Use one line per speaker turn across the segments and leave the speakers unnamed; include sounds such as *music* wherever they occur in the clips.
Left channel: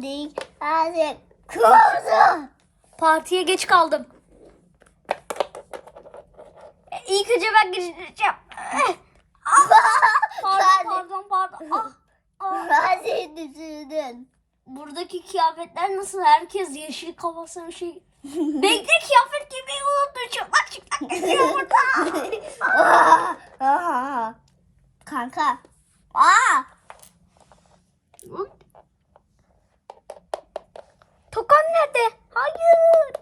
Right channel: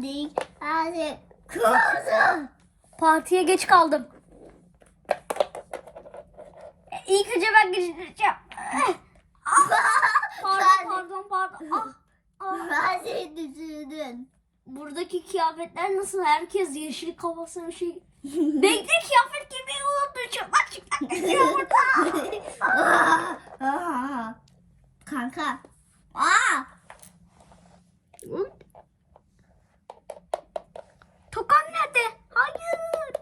geldik. Hadi kırmızı.
Partiye geç kaldım. E, İlk önce ben gireceğim. Pardon
Sen-
pardon pardon. Ah, ah.
Ben seni.
Buradaki kıyafetler nasıl? Herkes yeşil kafasına bir şey. Bekle kıyafet giymeyi unutmuşum. Bak çıplak geziyor burada.
Aa, aa. Kanka. Aa.
Tokan nerede? Hayır.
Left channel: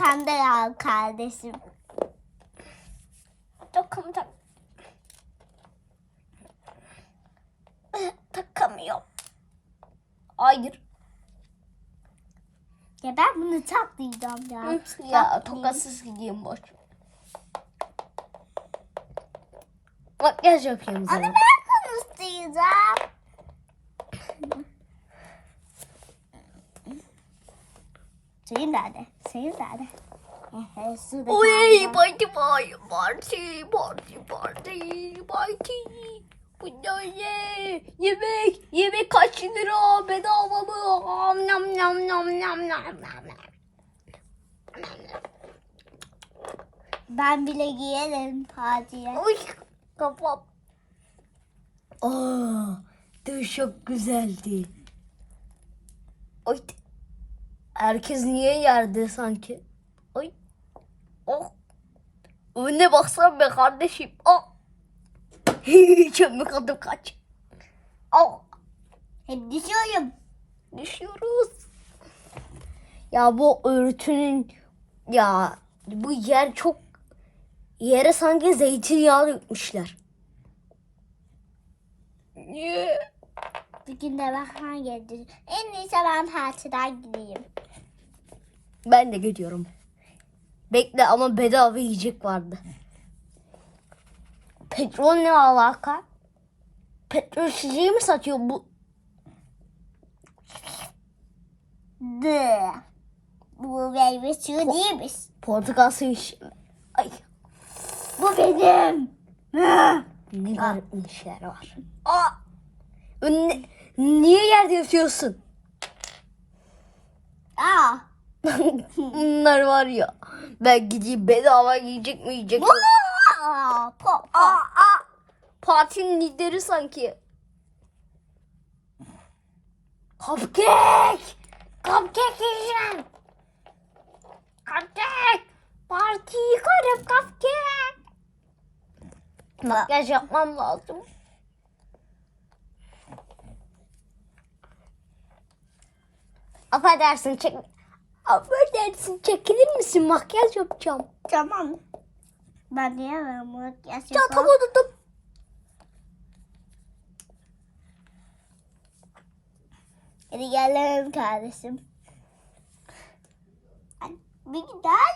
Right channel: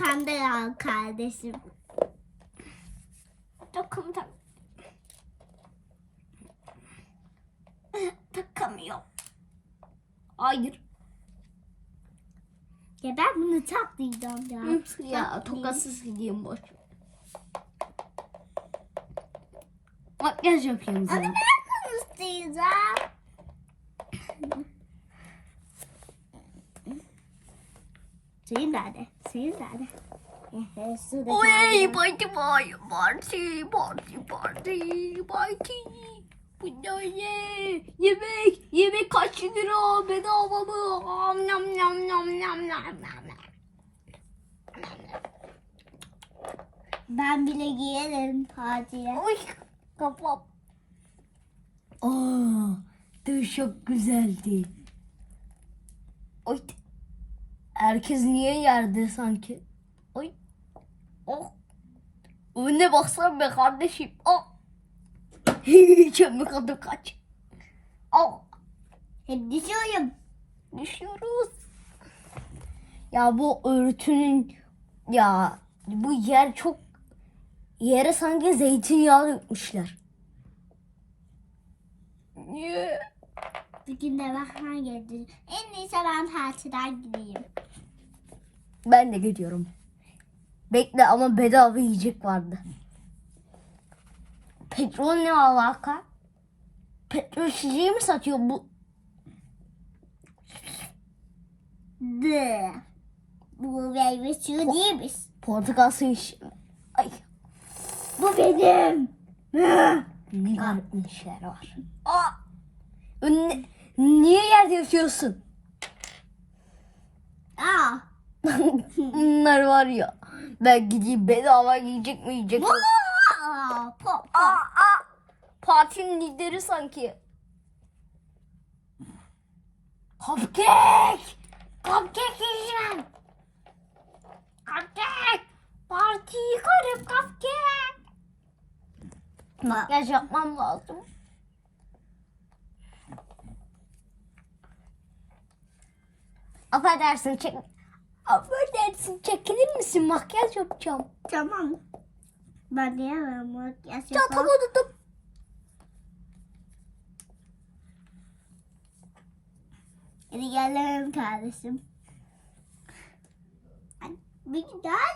Arkamda ya kardeşim.
Tak. Takamıyorum. Hayır.
Ya ben bunu çatlayacağım ya.
Ya tokasız gideyim boş. Makyaj yapayım
Ama
sana.
ben konuşacağım. Senin nerede? Senin nerede? Ehe, Şurada
Oy parti var. Parti parti parti parti. Bu ne? Yemek. Yemek kaç lira? Bedava mı? Am nam nam nam nam nam nam.
Ben bile giyerim partiye.
Oy kafam. Aa, çok güzeldi. Oy. Herkes niye yerde sanki? Oy. Oh. Önüne baksana be kardeşim. Oh. *laughs* Çömlek adım kaç. Oh.
Hep düşüyorum.
Düşüyoruz. Ya bu örtünün ya bu yer çok yere sanki zeytinyağı dökmüşler. Niye?
Bugün de bahar geldi. En iyisi ben partiden gideyim.
Ben de gidiyorum. Bekle ama bedava yiyecek vardı. Petrol ne alaka? Petrol şişeyi mi satıyor bu?
De. Bu meyve suyu değilmiş.
Portakal suyu Ay
Bu benim.
ne garip işler var. Aa! Ne- niye yerde yatıyorsun? Bunlar var ya. Ben gideyim bedava yiyecek mi yiyecek mi?
Aa, pop, pop.
Aa, aa. Partinin lideri sanki. Cupcake! Cupcake yiyeceğim. Cupcake! Parti yıkarım cupcake. Makyaj yapmam lazım. Affedersin çek... Affedersin çekilir misin? Makyaj yapacağım.
Tamam. Ben diyemem. Makyaj yapalım.
unuttum.
Hadi gelelim kardeşim. Bir daha.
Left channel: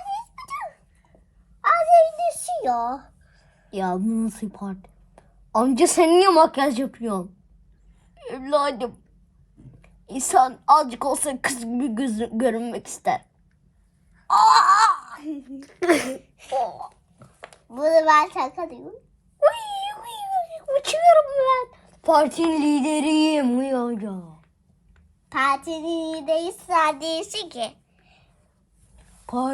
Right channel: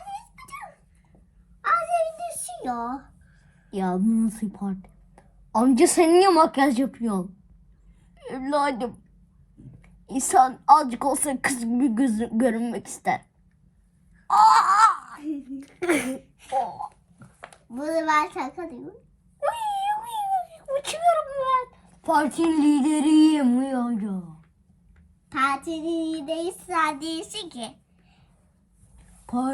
Az düşüyor.
Ya bu nasıl parti? Amca sen niye makyaj yapıyorsun? Evladım. İnsan azıcık olsa kız gibi göz, görünmek ister. *laughs*
Bunu ben.
Uy, uy, uy, Uçuyorum ben. Partinin lideriyim uyanca.
Partinin değilse değilsin ki.
Parti